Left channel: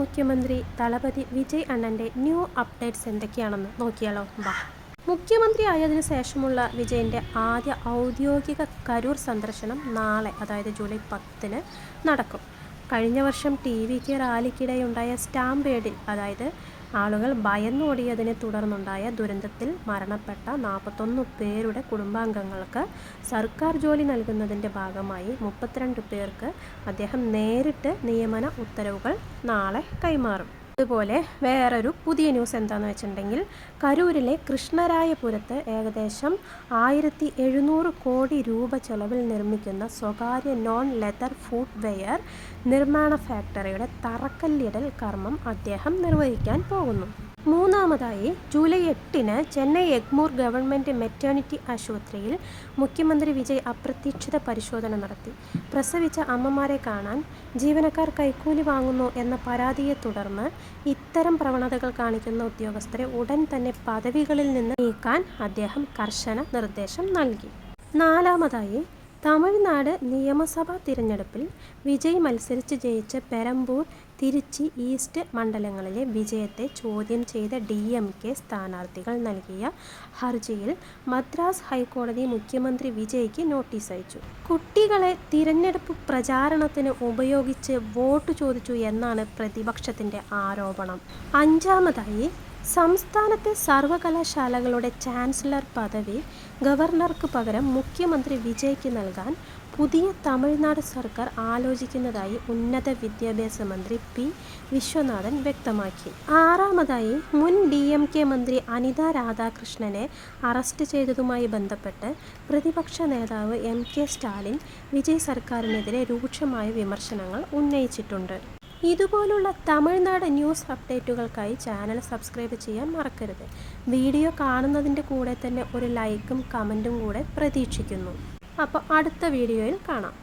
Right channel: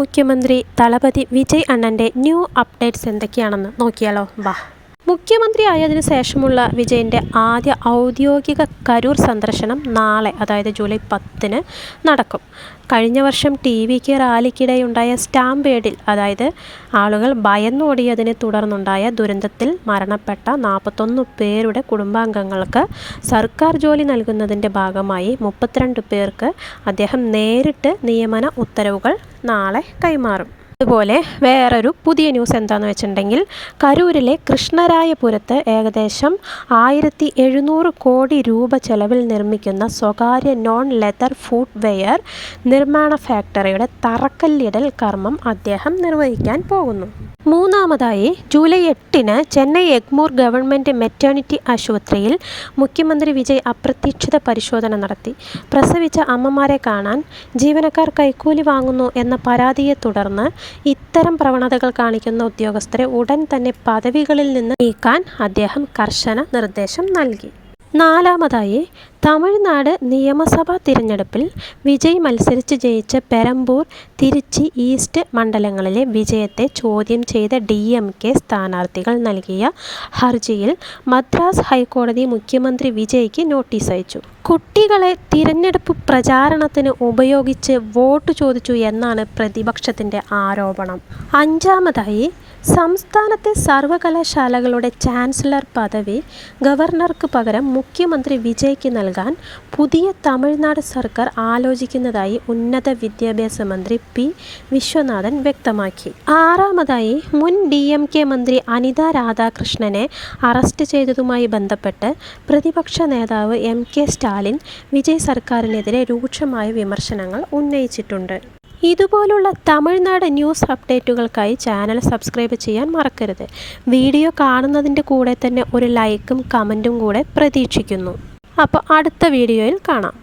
മുഖ്യമന്ത്രി തളപതി വിജയ് അണ്ണൻ്റെ new updates എന്തൊക്കെയാണെന്ന് നോക്കിയാലോ. വാ. മുഖ്യമന്ത്രിയായതിനു ശേഷമുള്ള വിജയൻ്റെ ആദ്യ ഔദ്യോഗിക കരൂർ സന്ദർശനം നാളെ, അതായത് ജൂലൈ 10 നടക്കും. കഴിഞ്ഞ വർഷം ടി.വിക്ക് റാലിക്കിടെയുണ്ടായ സ്റ്റാമ്പേഡിൽ, അതായത് ആളുകൾ ഭയന്നോടിയതിനെ തുടർന്നുണ്ടായ ദുരന്തത്തിൽ മരണപ്പെട്ട 41 പേരുടെ കുടുംബാംഗങ്ങൾക്ക് സർക്കാർ ജോലി നൽകുന്നതിൻ്റെ ഭാഗമായി 32 പേർക്ക് അദ്ദേഹം നേരിട്ട് നിയമന ഉത്തരവുകൾ നാളെ കൈമാറും. അതുപോലെ വേറൊരു പുതിയ ന്യൂസ് എന്താണെന്ന് വെച്ചിട്ടുണ്ടെങ്കിൽ, കരൂരിലെ കൃഷ്ണരായപുരത്ത് ഏകദേശം 1700 കോടി രൂപ ചെലവിൽ നിർമ്മിക്കുന്ന സ്വകാര്യ നോൺ ലെതർ ഫുട് വെയർ നിർമ്മാണ ഫാക്ടറിയുടെ തറക്കല്ലിടൽ കർമ്മം അദ്ദേഹം നിർവഹിക്കാൻ പോകുന്നു. മൂന്നാമതായി, July 8 Chennai Egmore government maternity ആശുപത്രിയിൽ മുഖ്യമന്ത്രി വിജയ് അപ്രതീക്ഷിത പരിശോധന നടത്തി. പ്രസവിച്ച അമ്മമാരെ കാണാൻ ജീവനക്കാർ കൈക്കൂലി വാങ്ങുന്നു എന്ന പരാതിയെ തുടർന്ന് ഇത്തരം പ്രവണതകൾ കാണിക്കുന്ന ഉദ്യോഗസ്ഥരെ ഉടൻ തന്നെ പദവികളിൽ നിന്ന് നീക്കാൻ അദ്ദേഹം കർശന നിർദ്ദേശം നൽകി. നാലാമതായി, തമിഴ്നാട് നിയമസഭാ തിരഞ്ഞെടുപ്പിൽ വിജയ് മത്സരിച്ച് ജയിച്ച പെരമ്പൂർ, തിരുച്ചി ഈസ്റ്റ് മണ്ഡലങ്ങളിലെ വിജയത്തെ ചോദ്യം ചെയ്ത DMK സ്ഥാനാർത്ഥികൾ നൽകിയ ഹർജിയിൽ മദ്രാസ് ഹൈക്കോടതി മുഖ്യമന്ത്രി വിജയ്ക്ക് നോട്ടീസ് അയച്ചു. കുട്ടികളെ തിരഞ്ഞെടുപ്പ് പ്രചാരണത്തിന് ഉപയോഗിച്ച് വോട്ട് ചോദിച്ചു എന്നാണ് പ്രതിപക്ഷത്തിൻ്റെ ആരോപണം. അഞ്ചാമതായി, സംസ്ഥാനത്തെ സർവകലാശാലകളുടെ ചാൻസലർ പദവി ഗവർണർക്ക് പകരം മുഖ്യമന്ത്രി വിജയ്ക്ക് നൽകാൻ പുതിയ തമിഴ്നാട് സർക്കാർ ആലോചിക്കുന്നതായി ഉന്നത വിദ്യാഭ്യാസ മന്ത്രി P. വിശ്വനാഥൻ വ്യക്തമാക്കി. ആറാമതായി, മുൻ DMK മന്ത്രി അനിത രാധാകൃഷ്ണനെ അറസ്റ്റ് ചെയ്തതുമായി ബന്ധപ്പെട്ട് പ്രതിപക്ഷ നേതാവ് MK സ്റ്റാലിൻ വിജയ് സർക്കാരിനെതിരെ രൂക്ഷമായ വിമർശനങ്ങൾ ഉന്നയിച്ചിട്ടുണ്ട്. ഇതുപോലുള്ള തമിഴ്നാട് ന്യൂസ് അപ്ഡേറ്റുകൾക്കായി ചാനൽ സബ്സ്ക്രൈബ് ചെയ്യാൻ മറക്കരുത്. വീഡിയോ കാണുന്നതിൻ്റെ കൂടെ തന്നെ ഒരു ലൈക്കും കമൻറ്റും കൂടെ പ്രതീക്ഷിക്കുന്നു. അപ്പോൾ അടുത്ത വീഡിയോയിൽ കാണാം.